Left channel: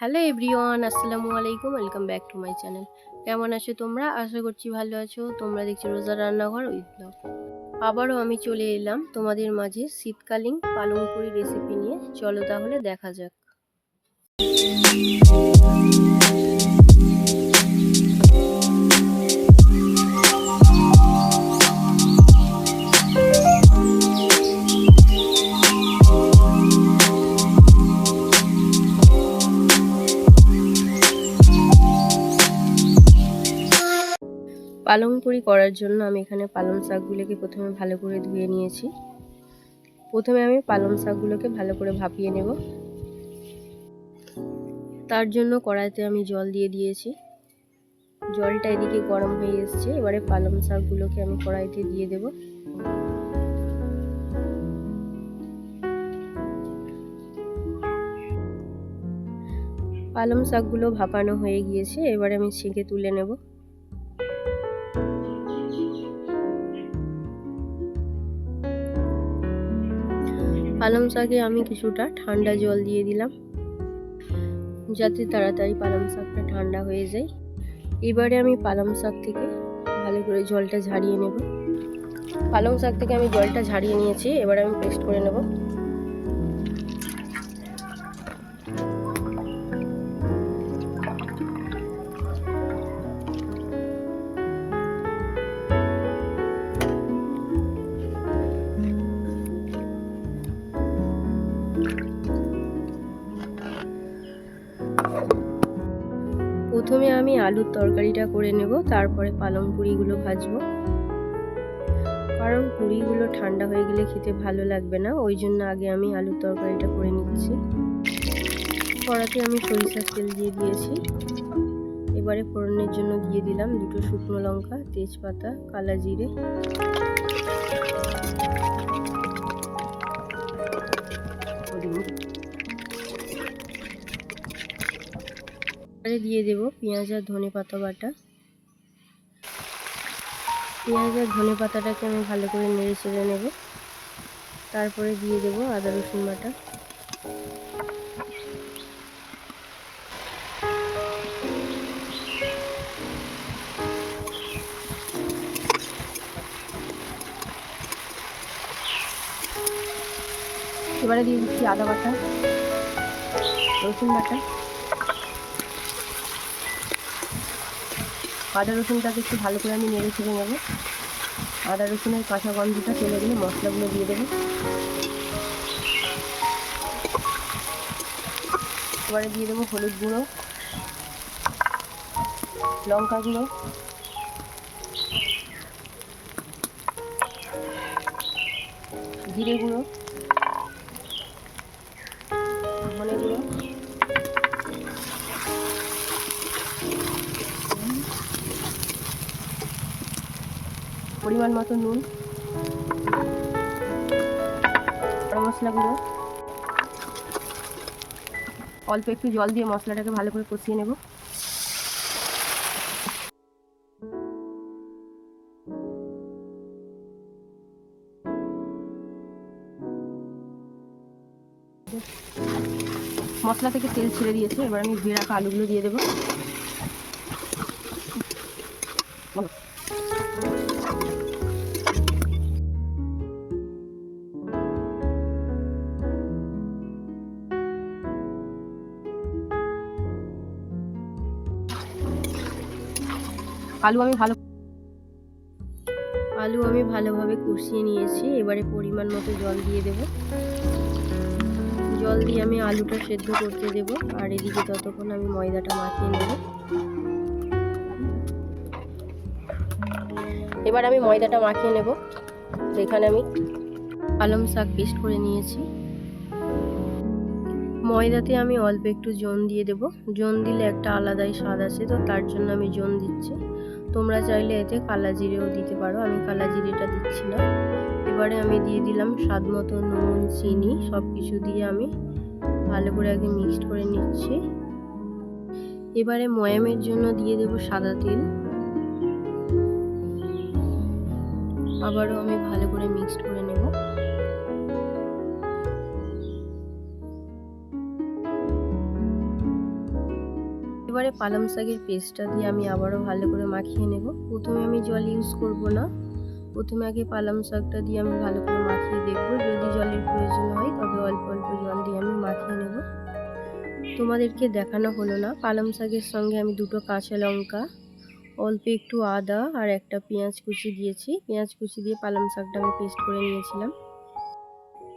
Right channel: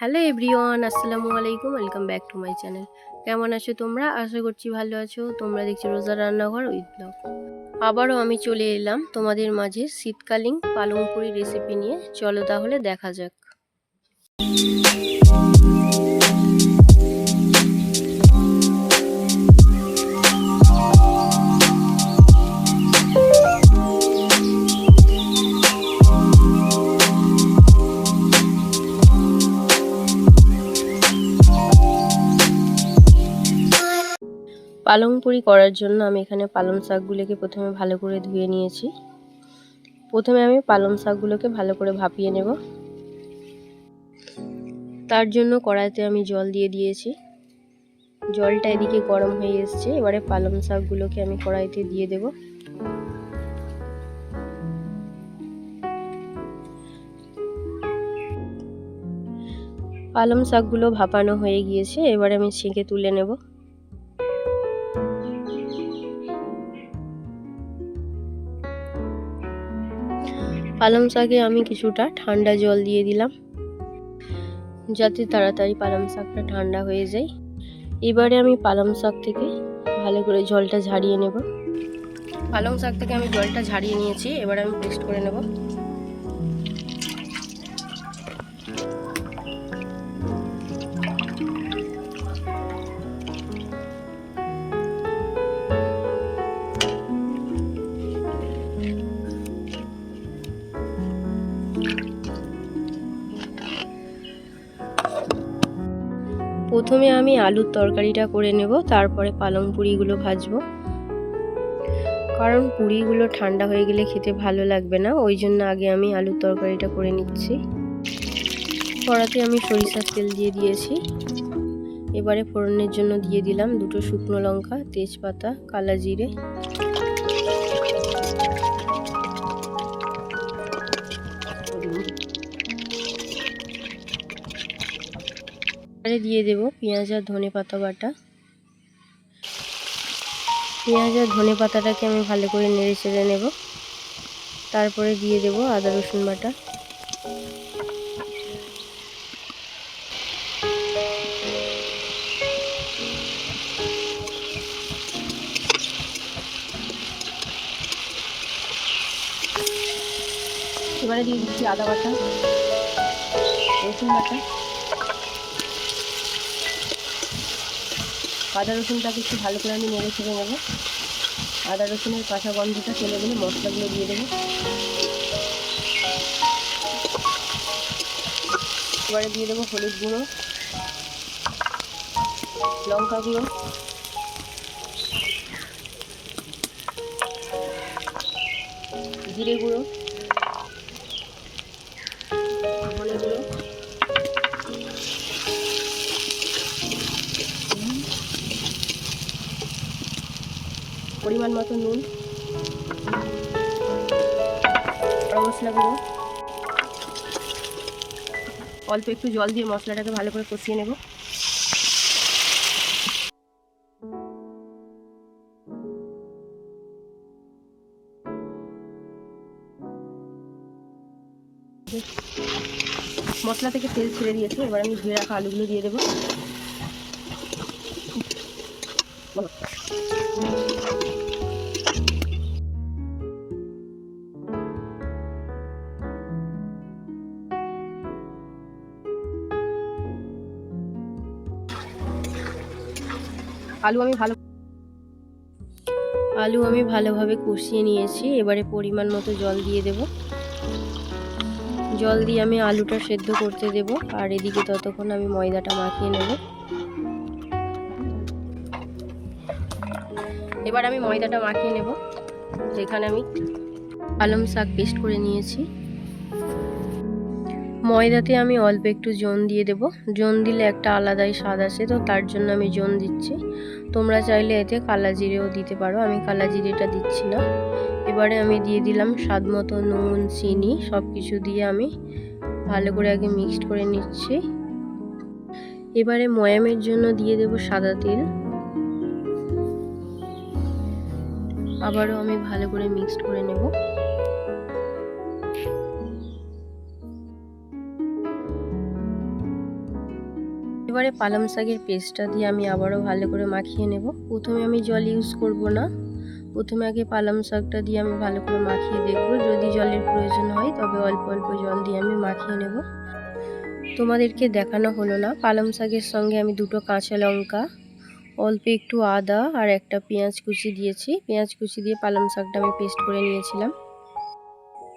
Hello everyone, আসসালামু আলাইকুম, welcome back to my channel. কেমন আছো তোমরা? আশা করছি ভালো আছো। তোমরা দেখছ রোজা রান্নাঘর উইথ ব্লগ। আবারও আমি চলে এলাম তোমাদের মাঝে শীতকালীন পালং পুরি রেসিপি নিয়ে। চলো তাহলে দেখা যাক। পালং পুরি করার জন্য আমি এখানে পালং শাকগুলোকে প্রথমে ভালো করে ধুয়ে নিয়েছি। প্রথমে আমি পালং শাকগুলোকে ভালো করে ভাপিয়ে নেব। তার জন্য কড়াইতে আমি জল দিয়ে দিয়েছি। জলটা এদিকে গরম হয়ে এসছে, এবারে পালং শাকগুলোকে আমি কড়াইতে দিয়ে দেব। পালং শাকগুলো ভাপানো হয়ে গিয়েছে, এবারে আমি ছেঁকে তুলে নেব। পালং শাকে আমি কিছুটা ঠান্ডা জল দিয়ে দিলাম, যাতে তাড়াতাড়ি পালং শাকটা ঠান্ডা হয়ে যায়। এবারে আমি পালং শাক থেকে ভালো করে জলটা ঝাড়িয়ে নেব। পালং শাক থেকে আমি জলটা ঝাড়িয়ে নিয়েছি, এবারে আমি পেস্ট করে নেব। প্রথমে আমি আলুর তরকারিটা করে নেব, তারপরে পালং পুরিগুলো ভাজবো। কারণ পুরিগুলো ঠান্ডা হয়ে গেলে খেতে ভালো লাগবে না, ওই জন্য আগে আমি আলুর তরকারিটা করে নিচ্ছি। কড়াতে আমি সরিষার তেল দিয়ে দিয়েছি। এবারে ফোড়নের জন্য দিয়ে দিলাম দুটো শুকনো লঙ্কা, তেজপাতা, কালা জিরে। এবারে দিয়ে দেব পেঁয়াজ আর ধনে পাতা বাটা। পেঁয়াজ আর ধনে পাতাটাকে আমি ভালো করে নেড়ে চেড়ে নেব। তারপরে দিয়ে দেব আদা রসুন বাটা। এবারে দিয়ে দিচ্ছি আদা বাটা, রসুন বাটা। আদা রসুনটাকে একটু ভালো করে আমি নেড়ে ছেড়ে নেব। আদা রসুনের কাঁচা গন্ধটা চলে গেলে মশলাগুলো দিয়ে দেবো। এবারে দিয়ে দেবো হলুদ গুঁড়ো, লঙ্কা গুঁড়ো। জিরে গুঁড়ো। ধনে গুঁড়ো। পরিমাণ মতো নুন। মশলা গুঁড়ো অল্প একটু জল দিয়ে মশলাটাকে ভালো করে কষিয়ে নেব। মশলা থেকে তেল ছেড়ে দিয়েছে। এবার আমি ধুয়ে রাখা আলুগুলো দিয়ে দেবো। আলু আমি ভালো আলু আমি ভালোভাবে কষিয়ে নিয়েছি। এবারে পরিমাণ মতো জল দিয়ে দেব। জল দিয়ে আমি আলুটা সেদ্ধ করতে দেব। আর এদিকে ততক্ষণ আমি ময়দাটা মাখিয়ে নেব। এবার আমি ময়দাটা মাখিয়ে নেব। যেখানে আমি পালং শাক পেস্ট করে নিয়েছি। ময়দাতে আমি অল্প একটু জোন দিয়ে দেব। জোন দিলে একটা আলাদাই স্বাদ আসে, তো তার জন্য আমি জোন দিচ্ছি। তোমরা চাইলে এতে কালা জিরেও দিতে পারো, আমি কালা জিরেটা দিচ্ছি না। এবারে আমি দিয়ে দিলাম স্বাদ মতো নুন, চিনি সব কিছু দিয়ে আমি ভালো করে আগে মিক্সড করে নিচ্ছি। এবারে ময়ামের জন্য দিয়ে দেব সাদা তেল। আবারও আমি ভালো করে মিক্সড করে নেব। এবারে পালং শাকের পেস্টটা দিয়ে আমি আবারও ভালো করে মাখিয়ে নেব। প্রথমে আমি জল ইউজ করব না। প্রথমে আগে পালং শাকটা দিয়ে আমি ভালো করে মাখিয়ে দেখব। যদি জলের প্রয়োজন হয়, তবে অল্প অল্প জল দিয়ে আমি মাখিয়ে নেব। তোমাদেরকে দেখানো হলো না, পালং শাকের সঙ্গে আমি দুটো কাঁচা লঙ্কা, অল্প একটু আদা আর একটা পেঁয়াজ কুচি দিয়েছি। পেঁয়াজ কুচি দিয়ে পালং শাকটা আমি পেস্ট করে নিয়েছিলাম।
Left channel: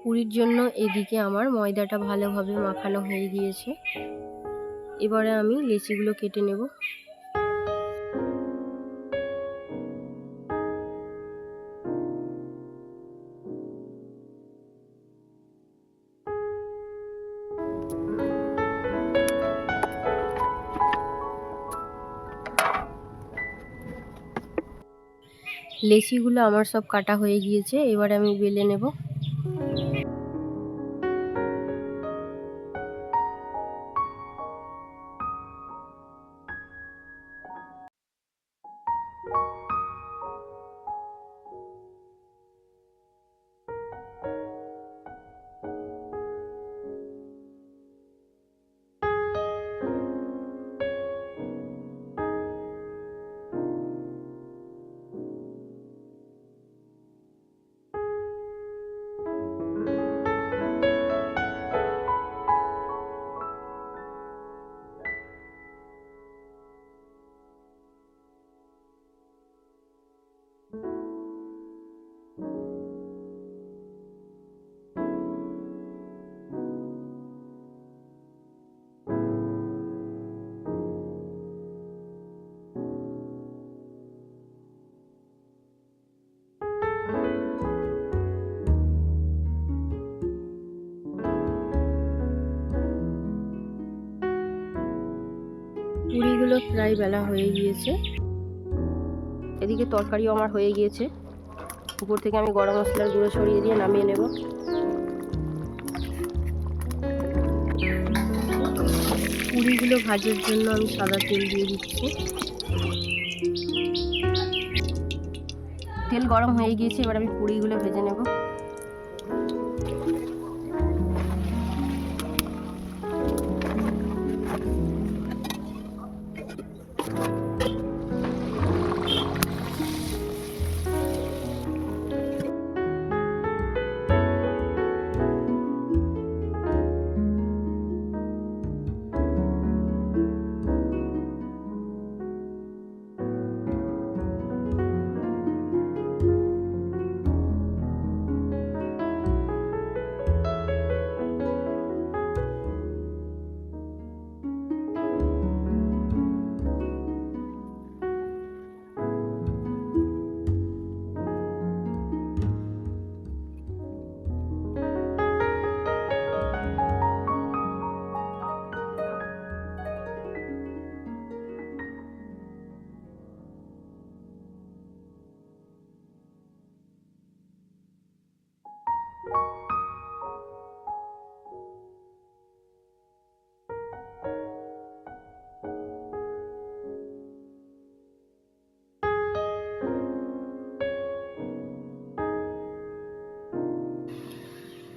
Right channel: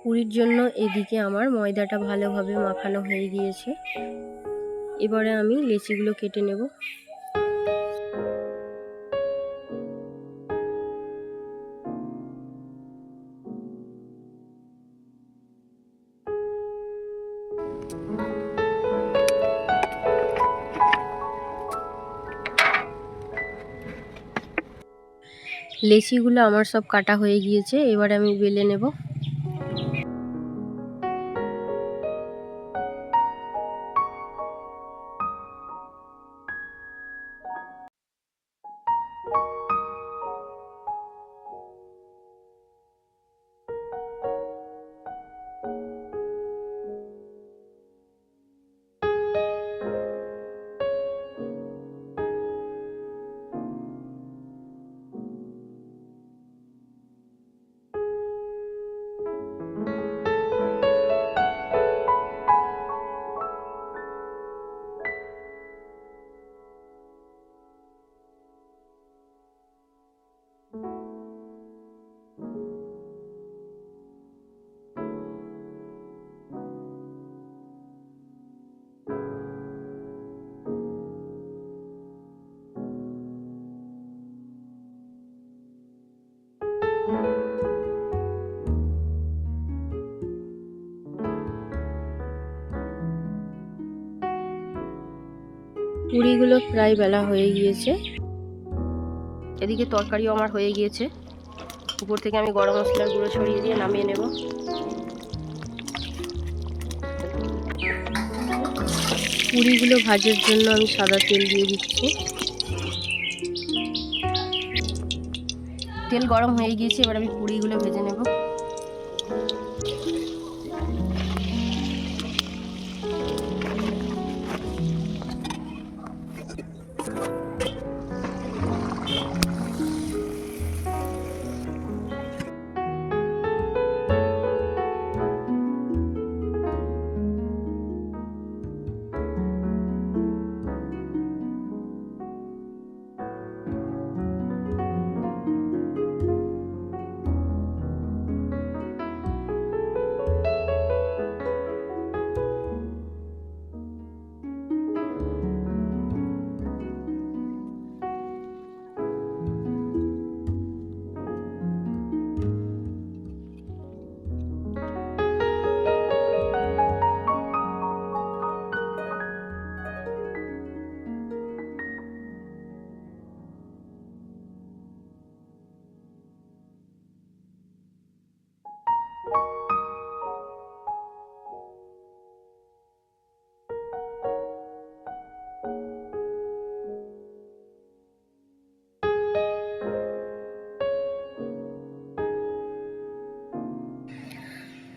পুরীর জন্য এদিকে আমার ময়দাটা ভালোভাবে মাখানো হয়ে গিয়েছে। এবারে আমি লেচিগুলো কেটে নেব। লেচিগুলো আমার সব কাটা হয়ে গিয়েছে, এবারে আমি বেলে নেব। পুরিগুলো প্রায় বেলা হয়ে গিয়েছে। এদিকে তরকারিও আমার হয়ে গিয়েছে। উপর থেকে আমি গরম মশলার গুঁড়ো ছড়িয়ে দিয়ে নামিয়ে নেব। পুরিগুলো ভাজার জন্য আমি সাদা তেল দিয়ে দিচ্ছি। তেল গরম হয়ে গিয়েছে, এবার আমি পুরিগুলো ভেজে নেব।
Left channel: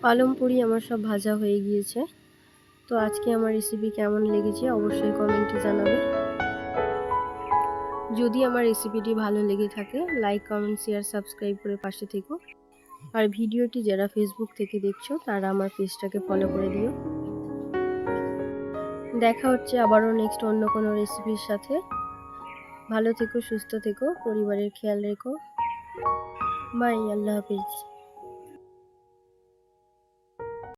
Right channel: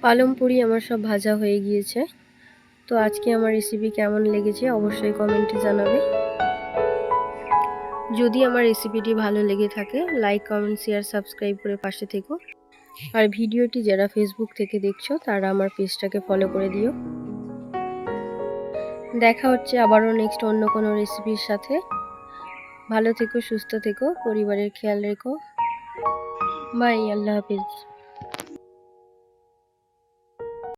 পালং পুরি আমার সব ভাজা হয়ে গিয়েছে। তো আজকে আমার রেসিপি কেমন লেগেছে অবশ্যই কমেন্টে জানাবে। যদি আমার রেসিপিটি ভালো লেগে থাকে লাইক কমেন্ট শেয়ার সাবস্ক্রাইব করে পাশে থেকো। আর ভিডিওটি যারা ফেসবুক থেকে দেখছ, তারা আমার পেজটাকে ফলো করে দিও। দেখা হচ্ছে আবারও নেক্সট অন্য কোনো রেসিপির সাথে। ভালো থেকো, সুস্থ থেকো, পরিবারের খেয়াল রেখো। বাই আল্লাহ হাফিজ।